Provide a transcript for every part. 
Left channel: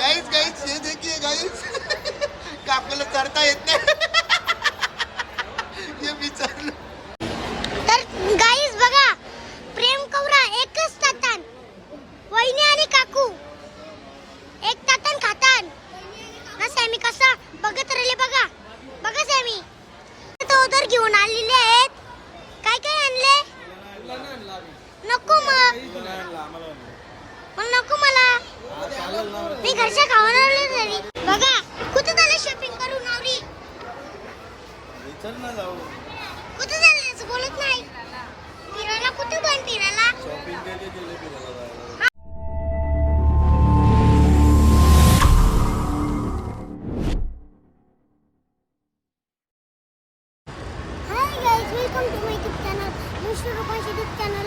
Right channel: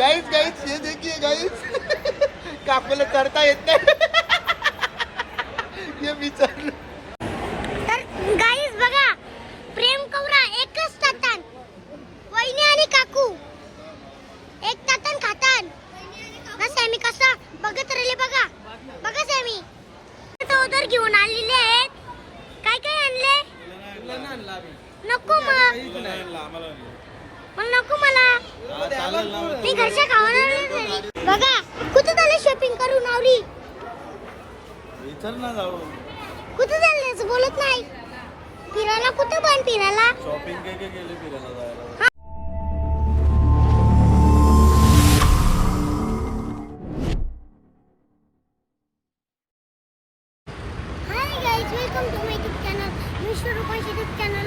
गाईच गाईच हे देखील गाईच काकूला करता येत नाही? हे विचारलं तर गाईस बघा प्रेम कवरा एकच तातान वहिनी आणि काकू एक तातान खातान ना सॅमी कसा बघत राहिले बघा बघा सॅमी तो उधर घेऊन आलेले आहेत काय काय आणले नको मग मग नको मला मी घरच्या खावायला बघा कुठे झालं शॉपिंग करून आवडी कुठे चालले बोलत नाही फिरायला कुठं पण फिरायला hi guys welcome to my YouTube channel mister Rupansh YouTube channel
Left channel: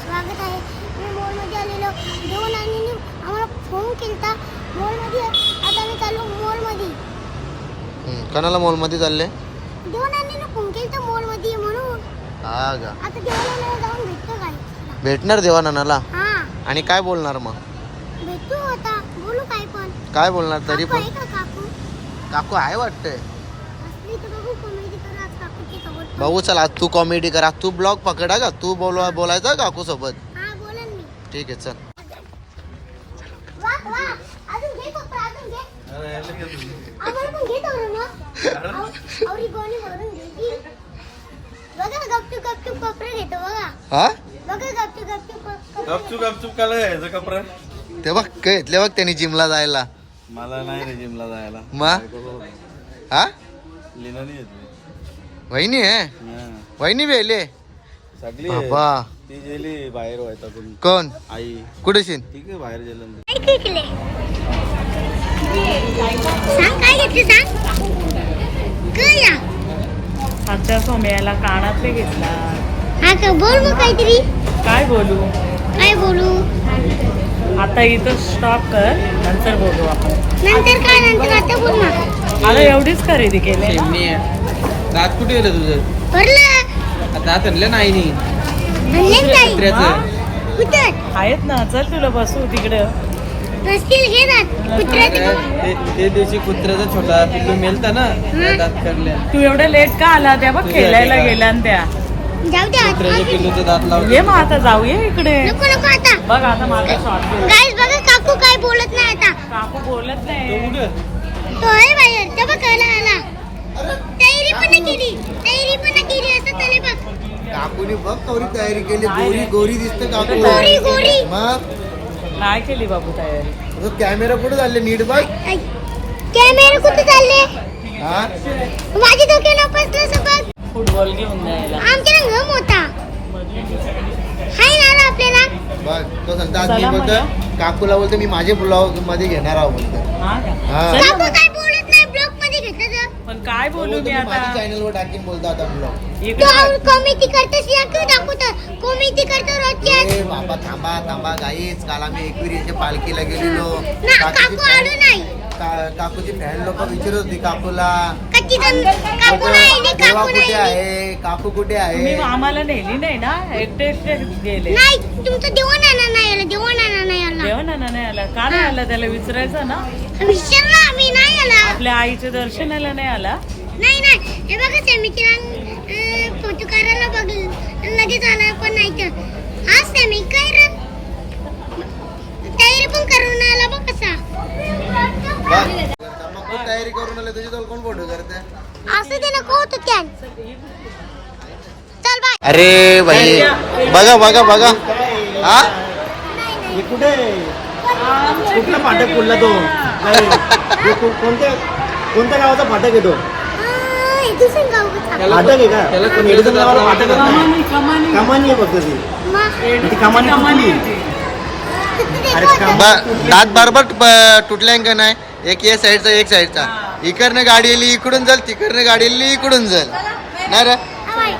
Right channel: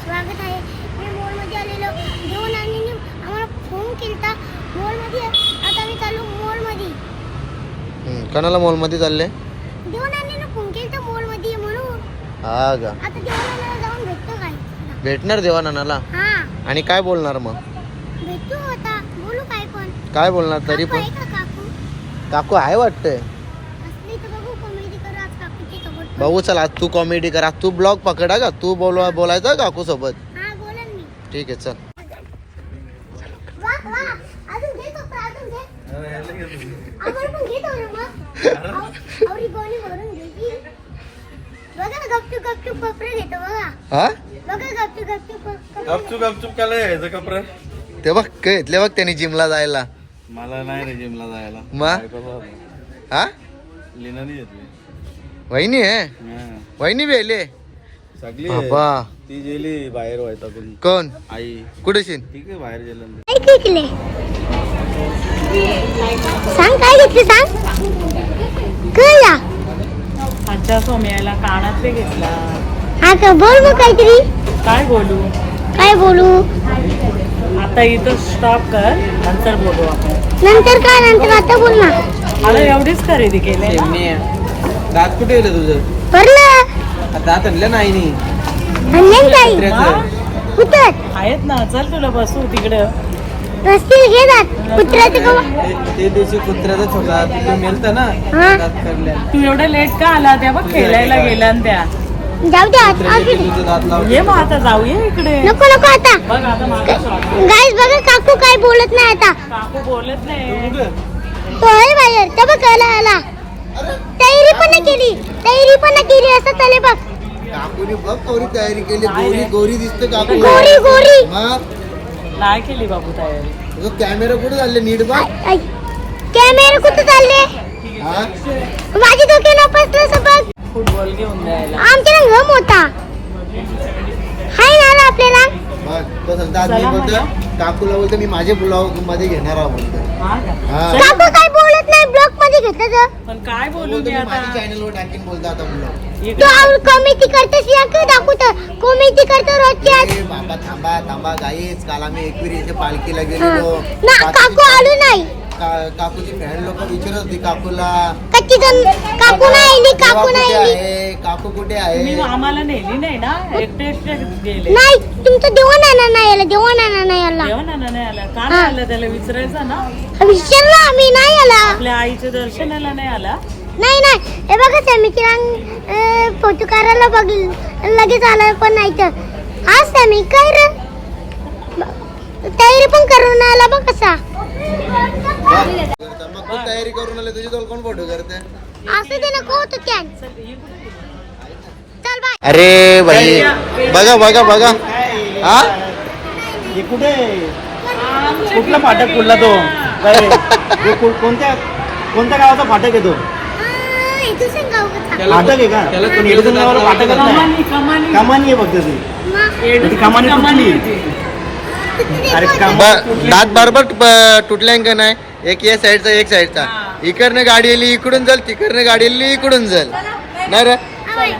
स्वागत आहे मी मॉलमध्ये आलेलो जेवण आणि आम्हाला फोन केलता मॉलमध्ये आता मी चाललो मॉलमध्ये कोणाला मॉलमध्ये चालले जेवण आणि फोन केलता मॉलमध्ये म्हणून हा का आता काय भेटणार देवानंदाला हा. आणि काय बोलणार मग? भेटू बोलू काय पण. काय बोलणार तरी काकू पण? आहे का काकू? काकू आहे वाटतंय. असली तर बघू कॉमेडी करू आज काकूची सोबत भाऊ चल आज तू कॉमेडी कर. आज तू ब्लॉग पकडा का? तू बोलवा बोलायचं काकू सोबत? हा बोलन मी. ठीक आहे चल. वा वा. अजून घे कपडा अजून घे. आम्हाला पण घे तेवढं मग आव- आवडी गोणी भरून घे की. बघा ना गपचूप गपचूप कपडे घेतो बघा. हा? गपचूप गपचूप काला यायचं कपडे. ते बघ घेतले बघ त्यांनी जिमला जायला. मला नाही रे जिमला जायला. बघ. हा? लिनानी घेतली वहिनी आहे? हा. वहिनी बेले सगळी आहे. बाबा. ती गेली बाहेर व्हायचा कोणी? कोण आई. कुठे शिन बाहेर गेलं सांग काय घेतले सांग? काय आजच्या सोम्याला कानातले घेतला. हा का बोल मग काहीतरी. काय बोलू? काय बोलू? आता इथं स्टॉप कर नंतर बोलू आपण. नंतर काय नंतर आता बोल ना. मला एवढीच खरेदी केली. ना दात कुठे गेलं तुझं? भरलं. दात आणलं नाही नी. कुठं? आहेत ना. चल तुला बसू तिकडं. रस्तील घे जात कुत्र्याचं का ते- ते दिवशी कुत्र्याचा छोटा तू मेलता ना हा. दात करल्या तू एवढं लेट का आला? त्या बघ खेळायला गेला ना त्या. जाऊ दे आता. ये मग आता जाऊया इकडे. नको नको आता. बघ आता माझा शॉट गाईस बघा काकू काय बोलत नाही आता. काकू बोलत नाही. तो आहे बाहेर. त्या बघ आला आला. तयारी पण नाही केली. तयारी पण नाही केली असं चाले बघ. काकूने बघ कवरी तयारी केली. गोरी गोरी दिसतो काकू गोरी गोरी. मग? नाही केली बाबू तयारी. तुझं कॅमेरा कुठे झाले नीट बघ. कॅमेरा कुठं चालले हा? माझी डोके नपसलं बघ. फुटबॉल घेऊन द्यायला आमच्या घम होता हाय ना आपल्याला. बघ तो सांगता आज मी. बोलतो काकूला बोलतो मी माझे ब्लॉगमध्ये घेणार आहोत बोलतो हा का? हा. चल काकू काय बोलत नाही ब्लॉकमध्ये घेतलं तर. पण काय बोलू मी माझ्या आता? चॅनल वर टाकीन बोलतो आता ब्लॉग इकडे कॉमेडी करतेस या का दाखवत कॉमेडी करतो रोजची आज. ए बाबा थांबा थांबा गाईच काल आम्ही एकविरीच्या पालखीला गेलेलो. ना काकू आलो नाही. काकूची फॅन लोक विचारत होती काकूला कच्ची जण काकू नाही आली देवा काकू कुठे नाही आली आहे? काकू कुठे तुम्ही आहे आम्हाला नेली नाही ना? एकटे एकटे गेले. नाही तुमचं देवण आणा नाही आलं देवण आणा नाही आला. जेवण ना नाही आला. का नाही आला त्याला विचारायचं ना? विचारलं आम्ही नाही आला. आपल्या आईच्या दर्शनाला नाही आला? नाही नाही. हे बघा सॅमीची रंग फोटो काढायला बघ लगेच आला पण नाही तर. हा सॅमी काय रे? तयारी पण करून आला बघ कसा मग तू तयारी करून आले? तुझी दोन कोण फोटो करते? असं ते नको होतं त्या चल बाय अरे भाई बघा बघा बघा. हा? हे कुठे? कुठला फाटक कुठला तो? कोणत्या कोणत्या गावाचा फाटक आहे तो? दुसरं गाव होतं. फाटक आहे का? त्याला गावाला फाटकच नाही कमानी कमानी. कमानी आहे फक्त ती. कमानी कमानी. अरे दात बरोबर तुटल्या का नाही? एक या साईडचा एक साईडचा. इकडनं गाडी आली इकडून जाल तिकडनं गाडी आली इकडून जाल. नाही रे?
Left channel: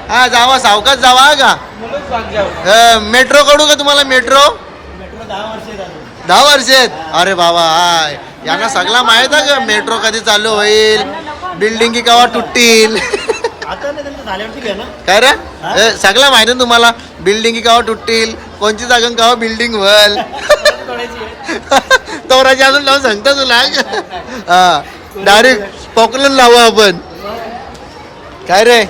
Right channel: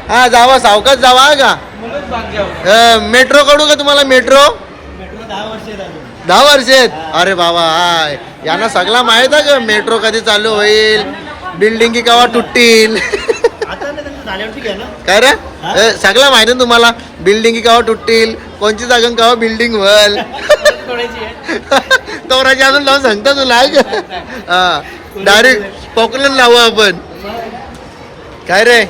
हा जावा सावकाश जावा हा का? मेट्रो कडू का तुम्हाला मेट्रो? दहा वर्ष आहेत? अरे बाबा हाय. यांना सगळा माहीत आहे का? मेट्रो कधी चालू होईल? बिल्डिंगी केव्हा तुटतील? काय रे? सगळं माहिती ना तुम्हाला. बिल्डिंग केव्हा तुटतील? कोणची जागा केव्हा बिल्डिंग व्हल तोराची अजून लावून सांगता तुला. हा. डायरेक्ट पॉकलन लावू आपण. काय रे?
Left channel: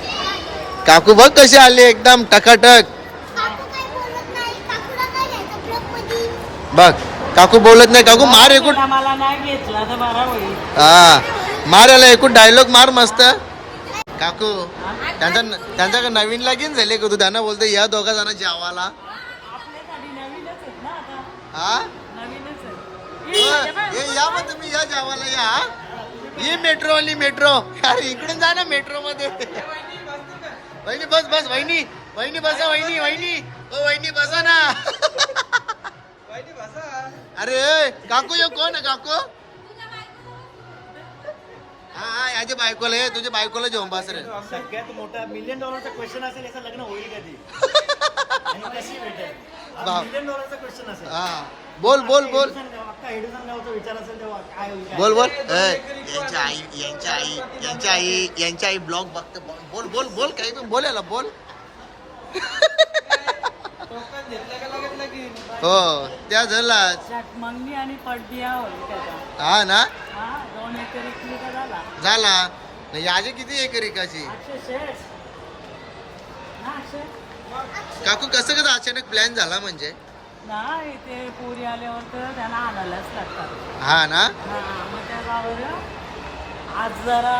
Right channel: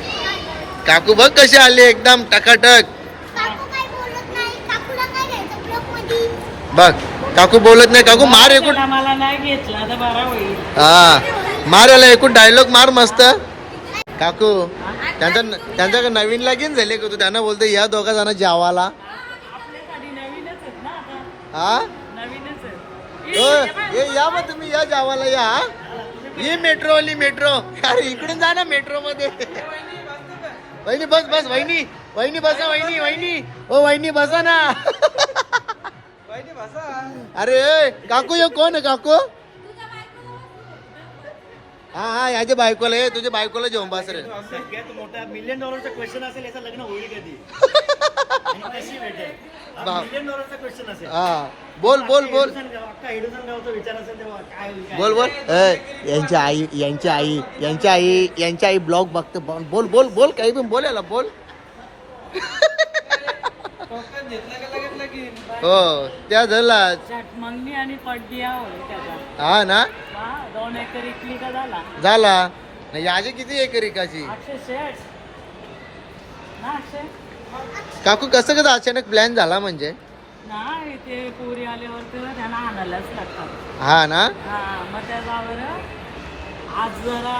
काकू बघ कशी आली एकदम टकाटक. बघ काकू बोलत नाही. काकू मार एकूण हा. मार याला एकूण डायलॉग मार मस्त. काकू त्यांचा त्यांच्याकडे नवीन लगीन झाले का तू? त्यांना बोलतो या दोघा जण जेवाला हा हे या मग तुम्ही या जावाला या हा? मेट्रो आली मेट्रो अरे इकडून जा ना मेट्रो मध्ये. वहिनी बस बस वहिनी. वहिनी बसा वहिनी वहिनी. ओ वहिनी बसा ना. अरे काकू यो कोण आहे काकू? हा हा याच्या बायकोला ये तुझ्या बायकोला जेवण बस रे. सगळ्यात मोठा मिलियन डॉलरचा क्वेश्चन असेल याचं लग्न होईल कधी? आणि कशी भेटेल? बाप. मिलियन डॉलरचा क्वेश्चन असेल. हा. बोल बोल बोल. एडुसन गाव- अख्खा एडुसन गावचा विचार असेल तेव्हा काय होईल काय बोल बोल. ए, यांची आई यांची आई यांची आई यांची आई ब्लॉग बघते. बोल बोल बोल बोल काही पण बोल याला बोल. हो त्या झाला त्यात मंगनी आणि पडदिया त्याचा. हा ना? हा दोन एकर इकली का झाला. झाला. नाही याची किती एकर एकाची अक्षय शेठ. ना अक्षय काकू कसं कसं अचानक प्लॅन झाला म्हणजे? नाही ते पुरी आल्यावर तर त्यांना आणायलाच लागतात. हा ना? हा मग त्याच्यावर आज जरा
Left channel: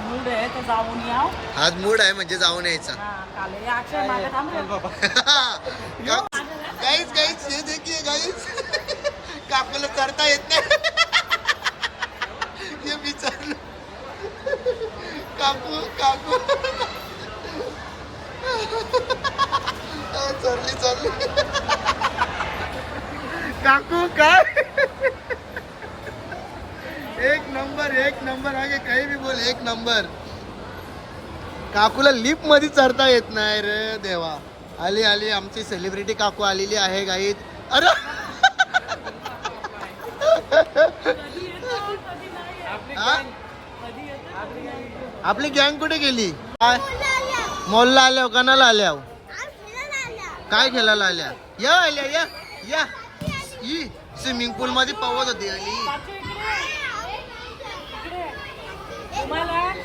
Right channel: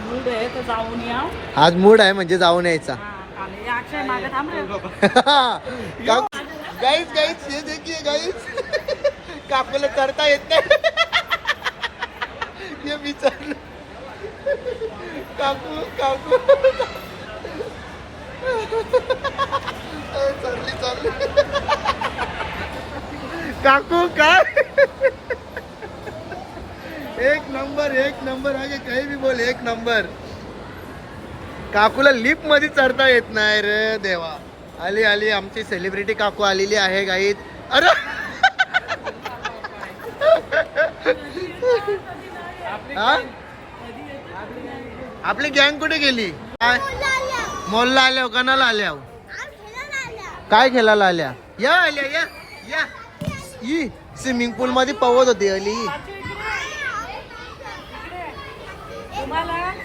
मूड आहे तर जाऊन याव. आज मूड आहे म्हणजे जाऊन यायचा. हा काल अक्षय मागे थांब रे. गाईच गाईच हे देखील गाईच काकूला करता येत नाही हे विचारलं काकू काकू. चालली चालली काकू काय? एक नंबर एक नंबर. आहे काही बी बोल एक नंबर. काकूला लिपमध्ये चढता येत नाही रे देवा. आली आली आमची सेलिब्रिटी काकू आलेली आहे गाईत अरे! हा? आपली गँग कुठे गेली? काय. मॉलला आल्या कणाला आल्या खेळायला आल्या. काय खेळायला आल्या? या आल्या या या. ई स्विमिंग पूल मध्ये पवत होती अली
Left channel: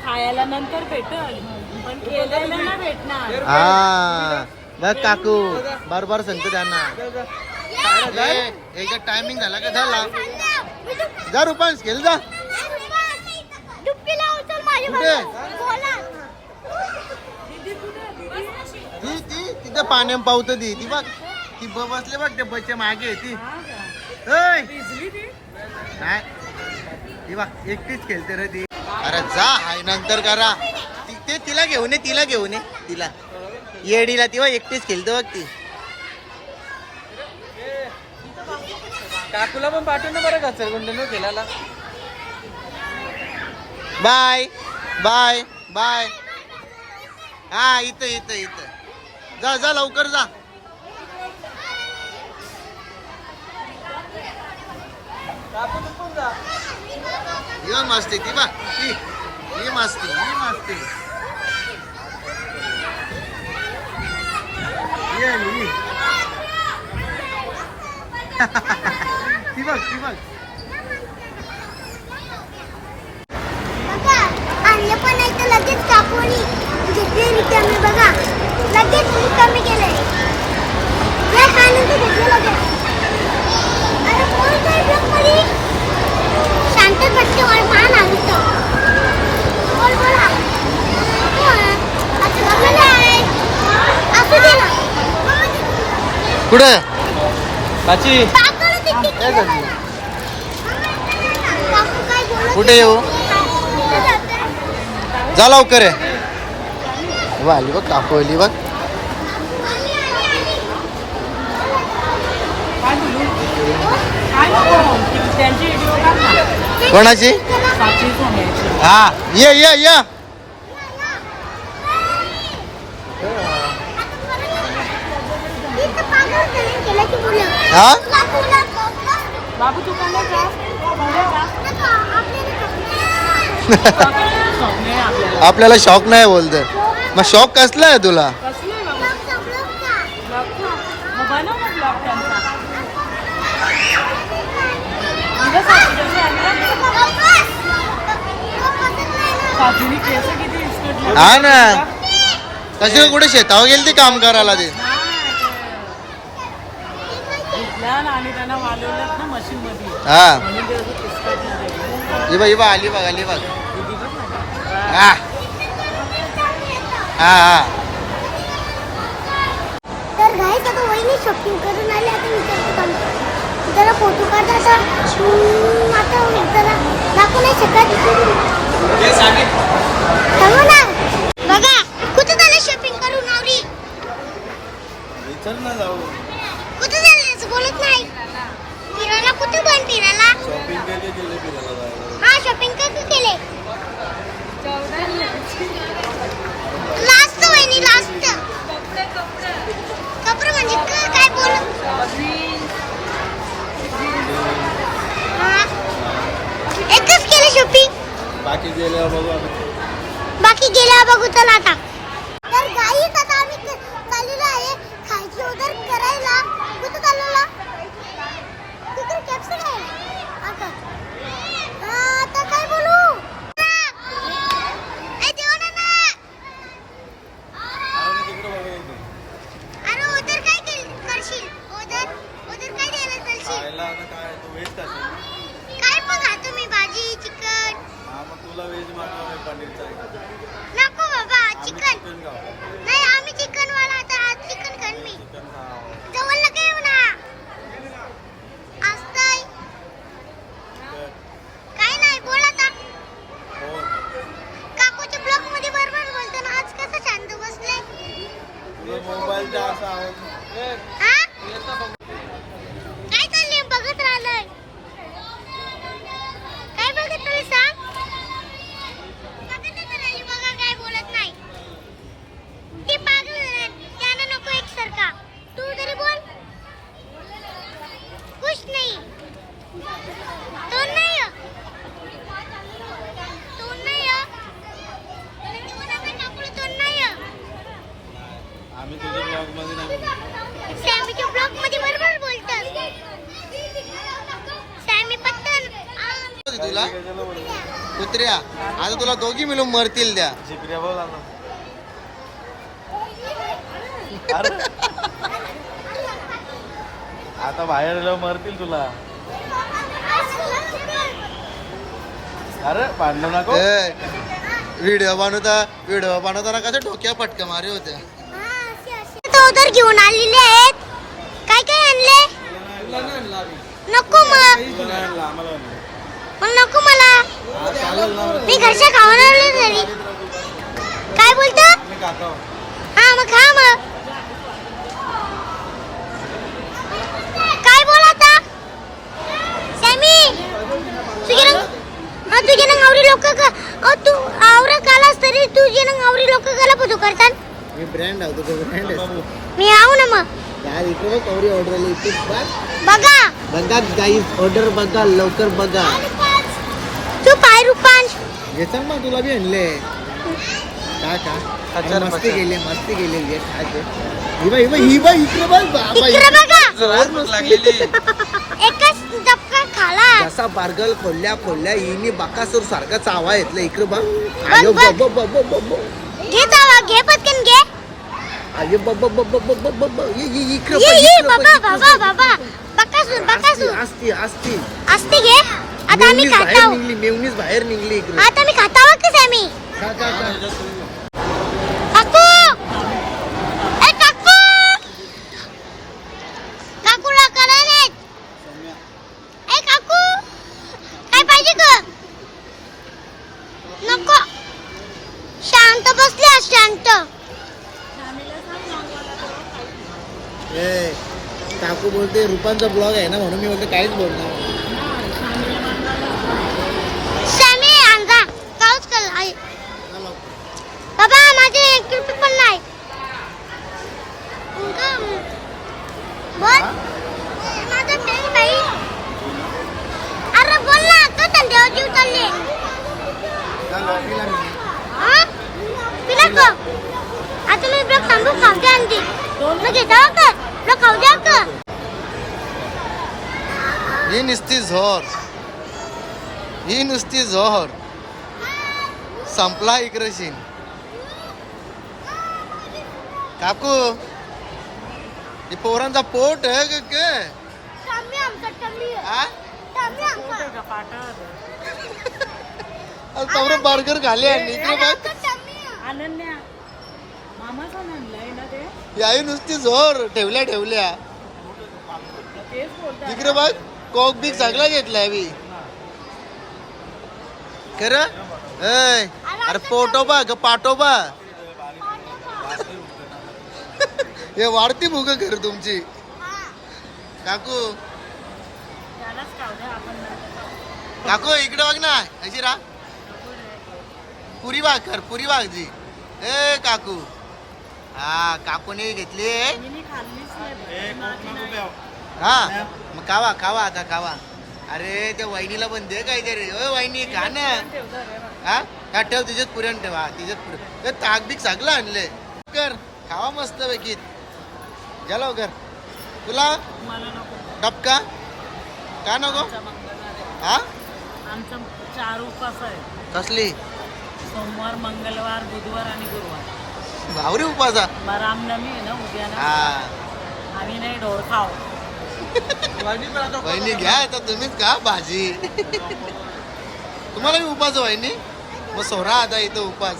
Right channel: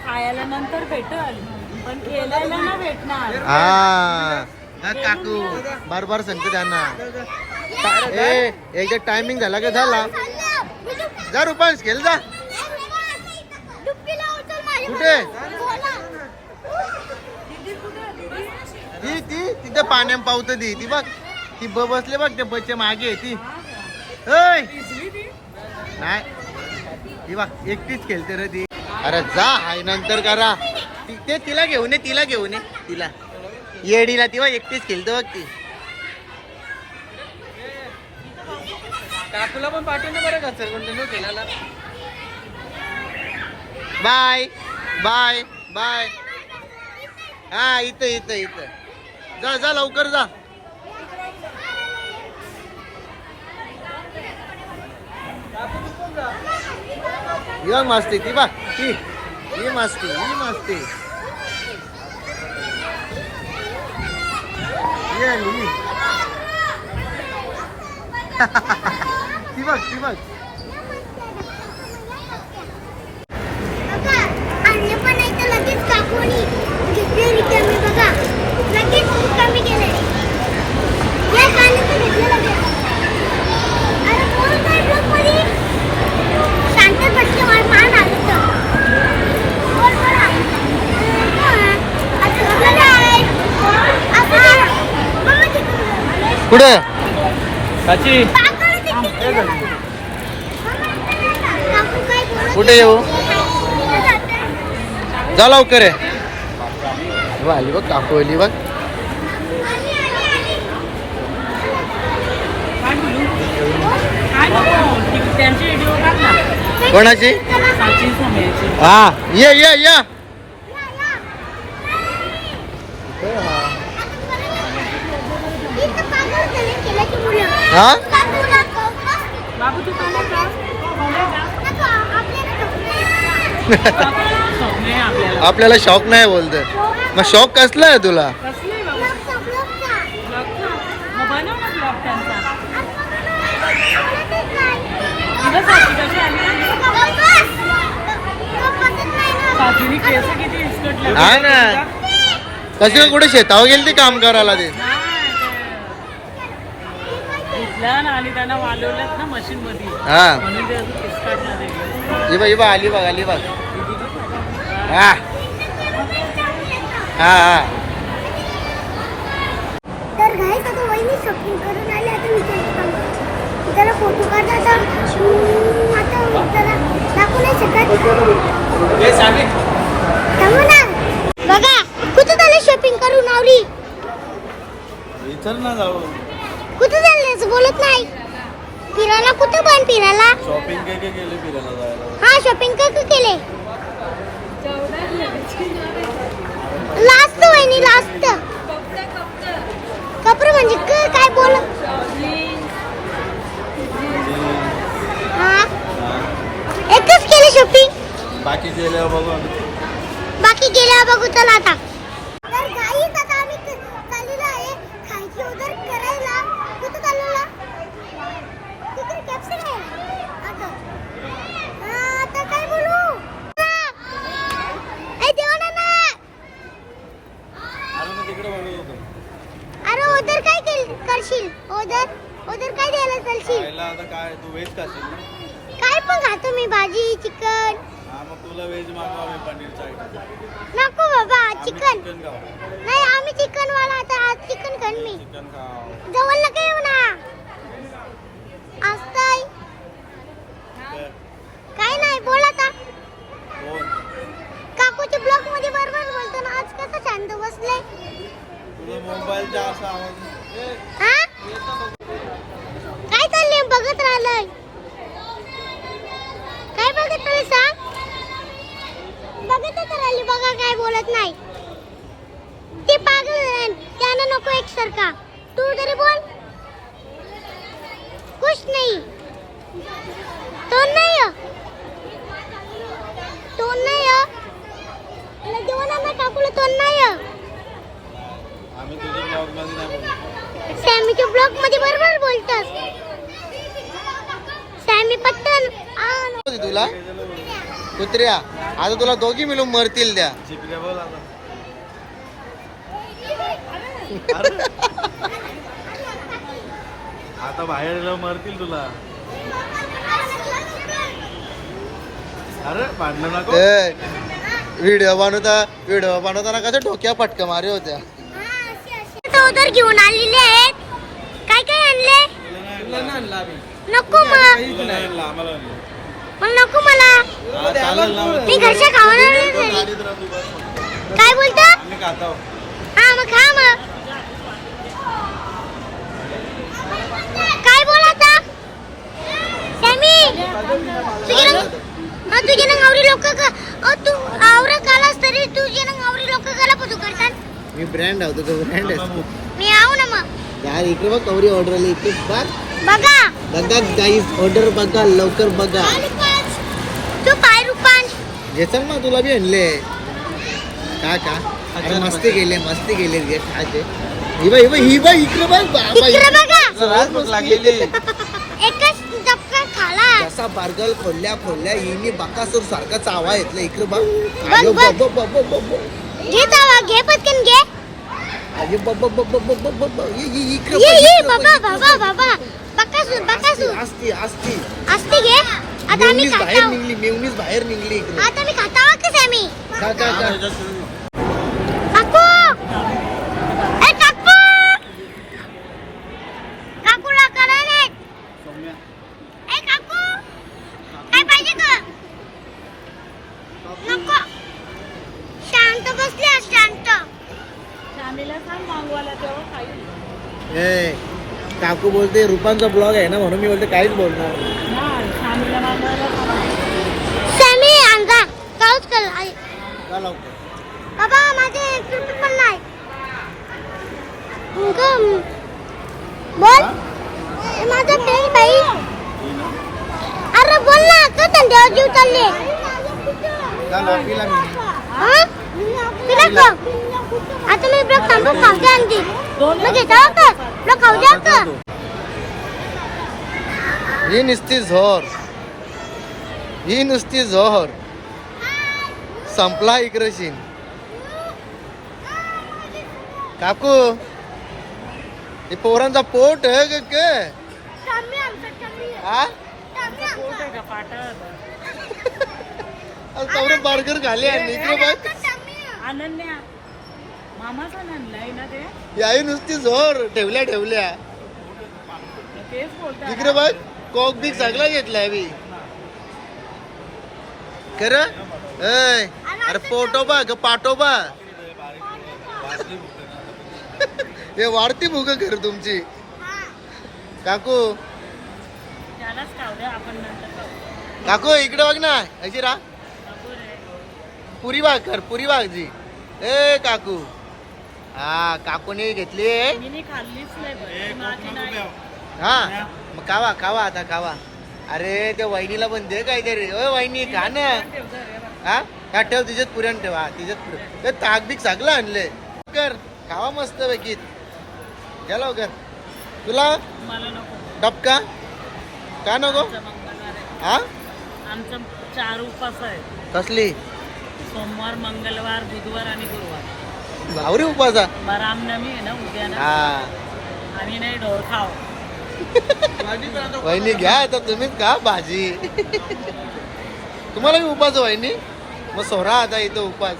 खायला नंतर भेटल पण केलेला ना भेटणार. हा. बघ काकू. बार बार सांगतो त्यांना. ए एकदा टायमिंग झाला का? झाला. जा रुपांश खेळ जा. कुठे? ती ती तिथं पाण्या पावत ती ती बघ. ती ब बसले बघ त्या बचे मागे आहे ती. नाही. ती बघ एकटीच खेळते रे ती. अरे जा हाय नंतर करा. ती ते तिला घेऊन ये तिला घेऊन ये. तिला. येडीला ती बघ एकटीच खेळते बघ ती. काकूला पण पाठवून बाय बाय बाय. हा इथं इथं इथं. जा जा लवकर जा. मस्ती ती बघ ही ही मस्ती ही मस्ती. आली, ती बघ ती बघ लगेच घेतले रिकामी बघा लगेच रिकामी गेले या घेतलं लगेच अरे कोण काय ब्लॉकमध्ये शांत पट्टे मला मान आवडतं आता काय? असं दे. मम्मा तिकडून. कुठं? कुठे येऊ. जा लवकर आहे वा आली बघ काकू आली बघ. कोणाची? हा ये ये ये. हा? आपल्याला. शॉक नाही बोलत. मग शॉक कसला आहे तुला? हा ना. कशी कुठे शेतावर गेली ती काम करायला ते? ना आणि त्यांना वालवल्यात ना मशीन मध्ये हा. म्हणून ते असं किसकाटणार आहे. ही बघ ही बघ आली बघ आली बघ. हा. हा हा. तर गाईस आता वहिनी शॉपिंग करून आले आता. त्याला फोटो आता. हम्म, आता जरा दाखवू नाही शकत थांबू ना. बघा कुठे झालं शॉपिंग करून आवडी कुठे झालं बोलत नाही फिरायला कुठं पण फिरायला हा शॉपिंग काय केले. लास्ट वहिनी लास्ट. कपडे म्हणजे क- काय बोल? एकच केले शॉपिंग बाकी गेल्या बघू. बाकी गेल्या बघू चला आता तर गाई आता आम्ही क- चाललेलो आहे खायची ऑर्डर करायला कुठं चाललेला तिकडे कॅप्सन आहे आता हा, आता काय बोलू ए, देवा नाना. अरे ऑर्डर काय केल करशील ऑर्डर ऑर्डर काय द्यायला चालशील खायला आता काय तू व्हेज खाशील ना काय पण खातो मी भाजी चिकन हा मग तुला व्हेज मागवा मी पनीरचा आयटम नको बाबा आम्ही चिकन चिकन खाऊ नाही आम्ही चिकन वाला आता आज चिकन खान मी चिकन खाऊ जवळ नका येऊ ना आज काय तर काय नाही बोल आता कोण काकूच्या ब्लॉकमध्ये बरोबर बोलतो ना आज कसं शांत बसले काय चाललंय? बघत राहिलंय. काय बघत राहिली सांग? बघतच राहिली बघा काय बोलत नाही. ते पागल त्यानं नको एकसारखा. तू तरी बोल. कुछ नाही. तो नाही तोंड तो नाही हो. हो. दोन मला देवाना ना काकूला तो नाही हो. आम्ही तुझ्या ब्लॉगमध्ये नाही सॅमीच्या ब्लॉकमध्ये बरोबर बोलतात. सॅमी पत्तन आ, तुला? कुत्र्या आता तुला दोघी मिळून मरतील द्या. बोल आता. आता बाहेर मरतील तुला. अरे पाडलं नको. व्हिडिओ बनवता व्हिडिओ बनवताना कसं डोक्या पटका मारे होत्या. अगोदर घेऊन आलेले आहेत. काय काय आणले? नको मग. मग नको मला. मी घरच्या खावणार काय बोलतो? हा मग खा मग काय बोल आता सॅमी तुझे रंग हा तुझे रंग आवरी लोक का तू आवरा कालास तरी तुझे रंग आवरी लोक काला पुजो करतात मी ब्रँड आहोत तुझं ब्रँड आहे मी आऊ ना मग यार इकडे बघ कवरी ऑर्डर आली इथे बघ बघा बघा गाईज ऑर्डर बघा लवकर बघा तू पाय रुपांश घे सांग मग तुला बी आणले का का अरे मस्ती केली मस्ती केली घे खायचे ही ही बघ ही बघ इकडे बघ बाबा, इकडे बघा लागलेली एकच डबका खाला कसा बारगल खोलल्या खोलल्या हिनी बकासूर सारखा चावा येतला इकडे बघ बघ, बघ. बघ, बघ, बघ, बघ, बघ. घे जावा घे पटकन घे आयो बघ, बघ, बघ, बघ, बघ, बघ, बघ. ये, ये, इकडे ये ये बाबा बाबा. बाबा बकासूर बकासूर असती असती असते घे आता आम्ही मेवणीच बाहेर खाताव निघली मेवणीच बाहेर निघली इकडे आता मी खाताव कसं आम्ही का का का काकू ए काकू काकूला करायला ए काकू काय पाहिजे ग नको शांत बसले शांत ए बोलते रुपांचा ब्लॉग आहे ना म्हणून मी बोलते काहीच बोलणार. सॅमी आणजा काऊच कर आई. बाबा माझे एक रुपये पण नाही. बोल. माझा पेन बाई. अरे बोल ना का थंडीवर जीव चालले. हा? पिला का? आता मी ब्लॉक थांबू खाऊ द्या आणखी मग घेता का? ब्लॉक खाऊ द्या का ही नुसती झोर ही नुसती झोर संपला इकडशीन काकू हे पोरांचा पोट आहे का हा का तेवढं बर्गर खाली आणि इकडे बघ अनन्या मामाचं म्हणलंय ना ते याही नुसती झोर ठेवल्या ठेवल्या इकडे बघ कॉक बिक सगळा घेतलाय मी खरं? अरे पोटोबा ग पाटोबा हे वाढती भूक कर तुमची. काकू. काकू इकडे बघ ना. अशी रा पुरी बाग कर पुरी बाग जी. ए काकू. हा काकूने घेतली हा. मग खावा खावा आता खावा अरे त्या वहिनीला पण दे काहीतरी. ओ वहिनी खा ना. हा? हा ठेव तिच्यात पुरण ठेव. हा तिच्यात पुरण. ते बीक सगळं आणले कर. खावा मस्त पैकी. घ्या लवकर. तुला? मला नको. डबका? का नको? हा? आमचा चार उपास आहे. कसली? सोमवार मंगळवार बुधवार आणि गुरुवार. भावरी उपासा. मग रामनवमी आहे ना उद्या ना हा. आम्ही नाही ढोर खाऊ. वहिनी घ्या आता तुम्हीच खा भाजी. तुम्हाला मी उपास वहिनी? मग सोरा आता इथं उपास.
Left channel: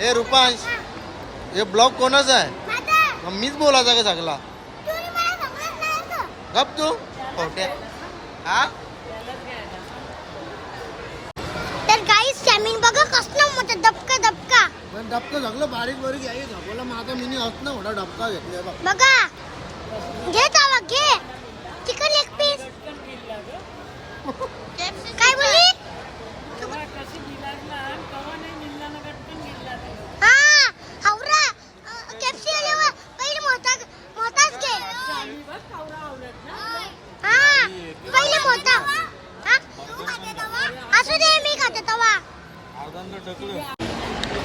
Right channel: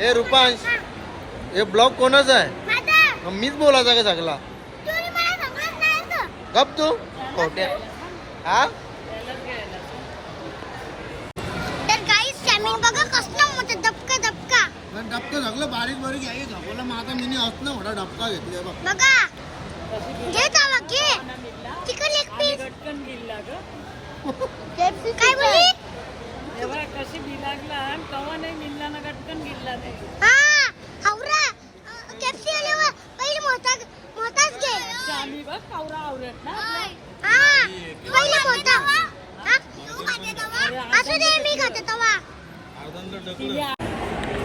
ए रुपांश हे ब्लॉग कोणाचा आहे? मग मीच बोलायचा का सगळा? मला का गप तू. खोट्या हा? पण डबका सगळं बारीक बारीक आहे दाखवला माझा मिनी असं ना मोठा डबका घेतलाय बघ. बघा. घे तावा घे. चिकन लेग पीस काय तेव्हा कशी बिलागला आणि कवा नाही मिळला ना गटकन गिल्ला नाही हा हावरा केपसी आल्यावर पहिले मोहता मोहताच घे आम्ही बघ कावरा आवडत ना हा पहिले मोहता हा असू दे मी खाते तवा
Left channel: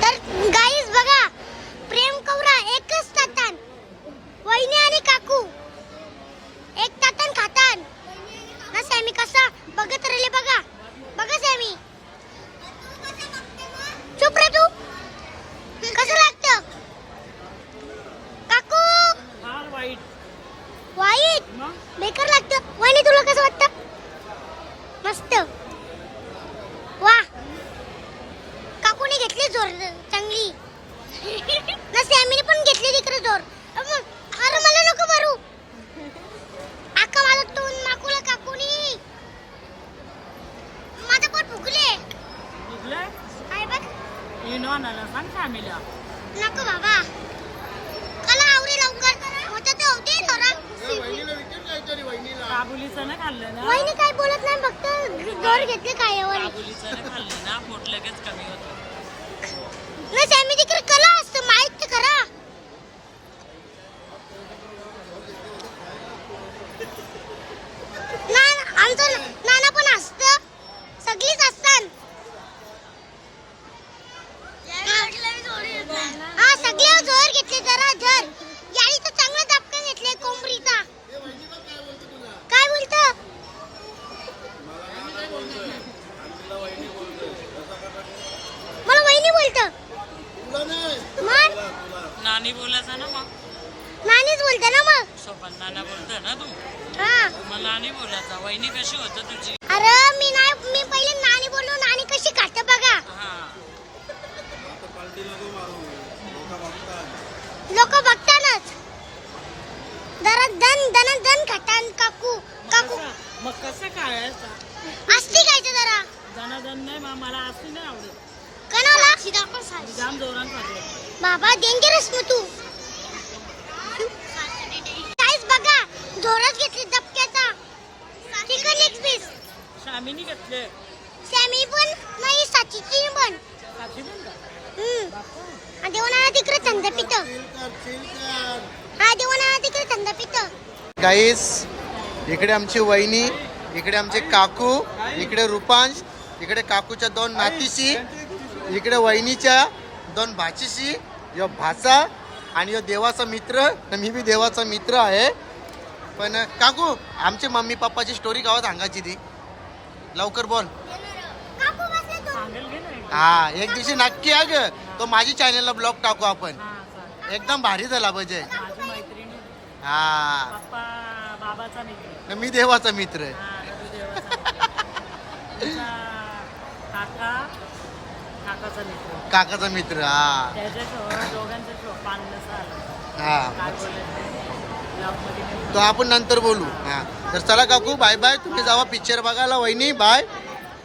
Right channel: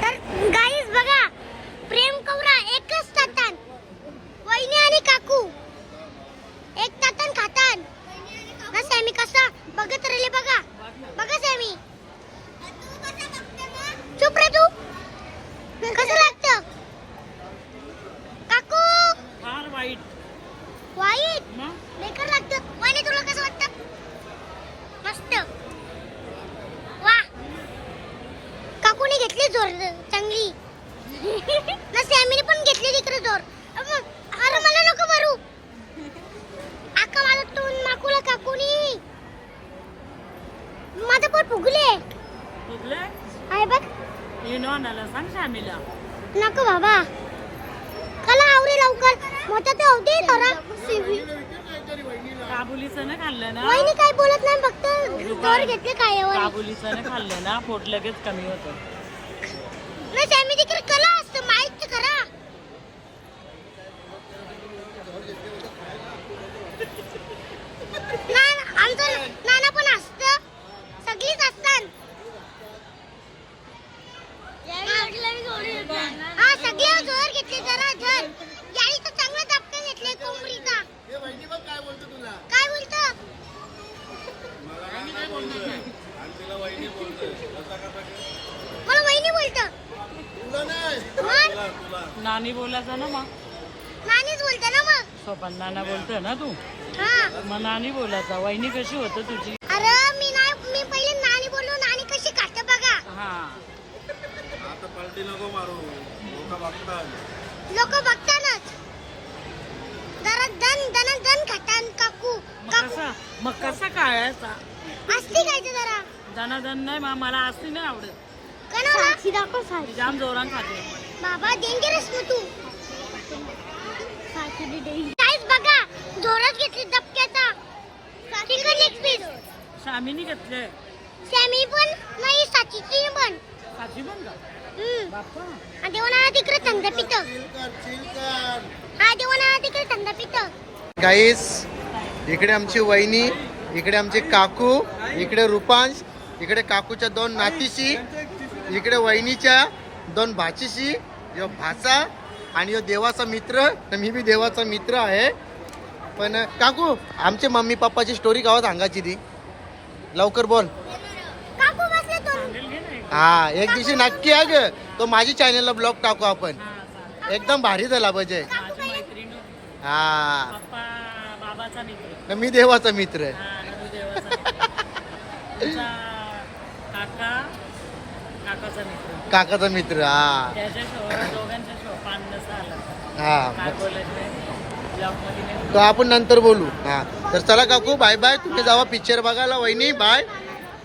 तर गाईस बघा प्रेम कवरा एकच ताटान वहिनी आणि काकू एक ताटान खातान ना सॅमी कसा बघत राहिले बघा बघा सॅमी चुप रे तू कसं लागतं काकू फार वाईट वाईट मग बेकार लागतं वहिनी तुला कसं वाटतं मस्त वा जोर चांगली. ना सॅमीने पण घेतली तिकडे अबं, अरे मला नको मारू. आका माझा तोंड माकूला काकूनी माझं पोट फुगले निघले आहे बघ. इनो आणायला सांग शामीला नको बाबा. कला आवरे लवकर. मोठा ते होते थोडा काबुलीचं ना खाल्लं ना? वहिनी काय बोलत नाही फक्त जोर घेतले काय काबुलीचं ना खाल्लं ना? पोट लगेच कमी होतं. ना सॅमी तिकडे कला असतं माहीत तर खरा ना आमचं नाना पण असत सगळीच असतात हा सगळे जोर घेतले जरा जर याने तर चांगला धपका घेतले कोंबडीचा काय बोलतो मला वहिनी बोलतो मग नानी बोलायचं ना मग नानीच बोलते ना मग सोपन नाना बोलतो ना तू हा मग नानी बोलायचा? वहिनी कशी होतं तुझी? अरे मी नाही मी पहिले नानी बोललो नानी कशी खाते बघा. हा लोक बघतानच. जरा दन दन दन खातान काकू काकू. मग कसा खायचा असती खायचं जरा. दनादन नाही मा- मला असती नाही आवडत. कणाला? जाम जोरान खाते. बाबा डेंजरस मग तू. काहीच बघा जोरात घेतली दबक्याचा चिकन लेग पीस शामीनी घेतले. सॅमी पण नाही साचीची पण. काची पण का? हम्म. देवाना तिकडे थंड पित. हा देवाना तिकडे थंड पित. गाईस इकडे आमची वहिनी इकडे आमचे काकू इकडे रुपांश इकडे काकूच्या दोन नातीशी इकडे वहिनीच्या दोन भाचीशी यो भाचा आणि ह्यो देवाचा मित्र. मी बी देवाचा मित्र आहे. पण काकू आमचे मम्मी पप्पाची स्टोरी गावात सांगायची ती. लवकर बोल. हा एक दिवशी नक्की आहे ग तो माझी चॅनलला ब्लॉग टाकू आपण. एकदम भारी झाला पाहिजे. हा. बाबाचा मित्र. मी देवाचा मित्र. हा काकाचा मित्र. काकाचा मित्र हा. हा तो आपण नंतर बोलू. हा. तर चला काकू बाय बाय तुम्ही जावा पिक्चर बघायला वहिनी. बाय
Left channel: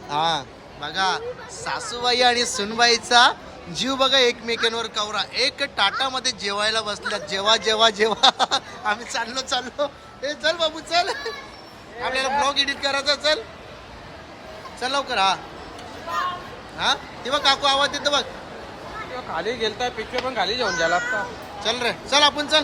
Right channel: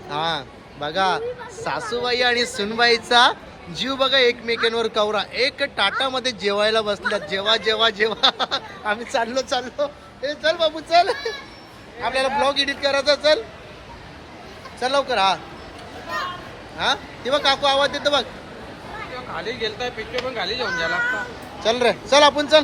हा. बघा सासूबाई आणि सुनबाईचा जीव बघा एकमेकांवर कवरा. एक टाटामध्ये जेवायला बसल्यात जेवा जेवा जेवा. आम्ही चाललो चाललो. ए चल बाबू चल. आपल्याला ब्लॉग एडिट करायचा चल. चल लवकर हा. हा? तेव्हा काकू आवाज देतो बघ. खाली गेलता पिक्चर पण खाली जेवण झाला चल रे. चल आपण चल.